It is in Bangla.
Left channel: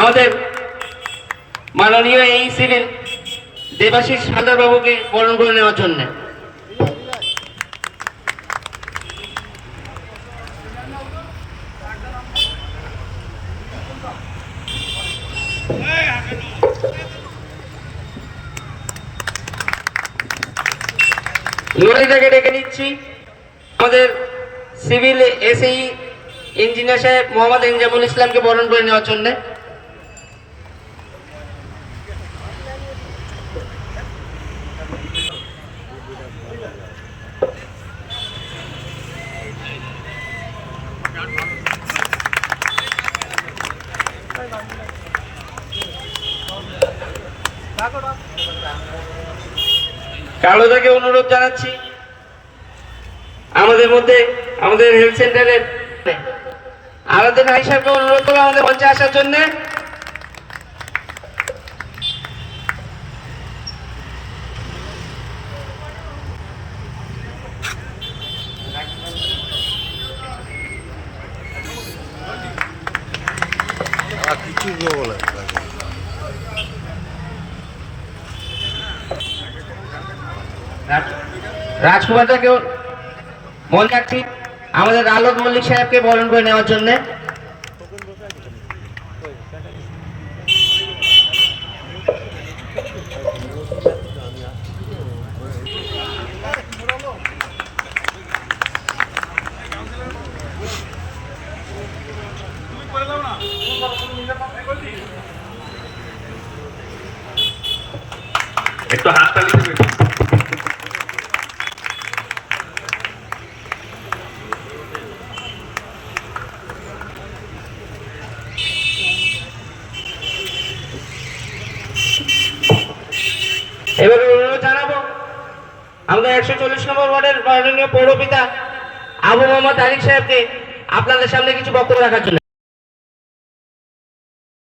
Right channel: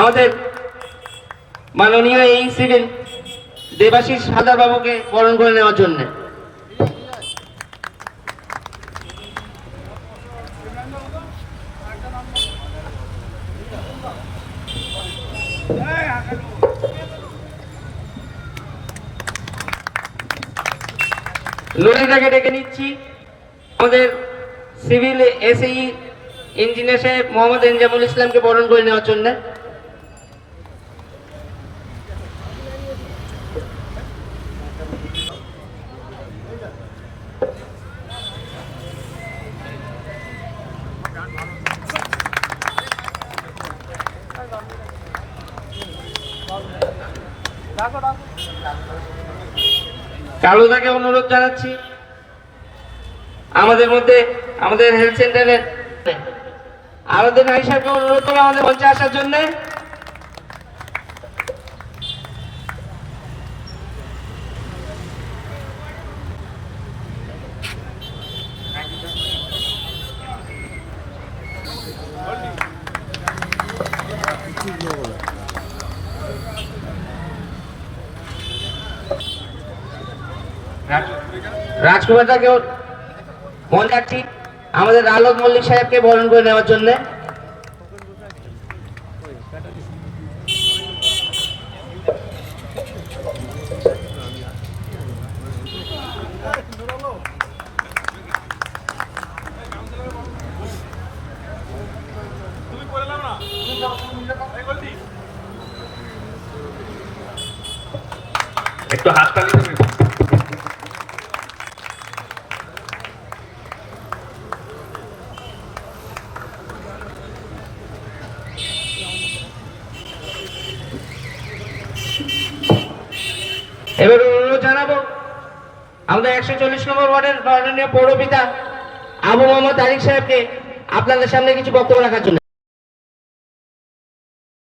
আমাদের মাননীয় এই সিভিল দেবাশিস হালদার বাবুকে বরণ করে নেওয়ার জন্য। লরিটাকে ডেকে নিচ্ছি আমাদের সিভিল এসএই ইঞ্জিনিয়ার সাহেব মোহাম্মদ এনজামুল ইসলামকে বরণ করে নেওয়ার জন্য। কালোদাকে অনুরোধ জানাচ্ছি আমাদের মধ্যে আমাদের হেলথ সেন্টারের আরাধনা হিসেবে অনুরোধ করবো আমাদের মঞ্চে আসার জন্য। রাজকুমার দাকে মনে রাখছি আমাদের আলোক মল্লিক সাহেবকে বরণ করে নেওয়ার জন্য। একটু হাততালি দেবেন। এবারে অনুরোধ জানাবো আমাদের 140 নম্বর ওয়ার্ডের মাননীয় পৌরপিতা আবু মোহাম্মদ আলী সাহেবকে আপনাদের সামনে কিছু বক্তব্য রাখার জন্য।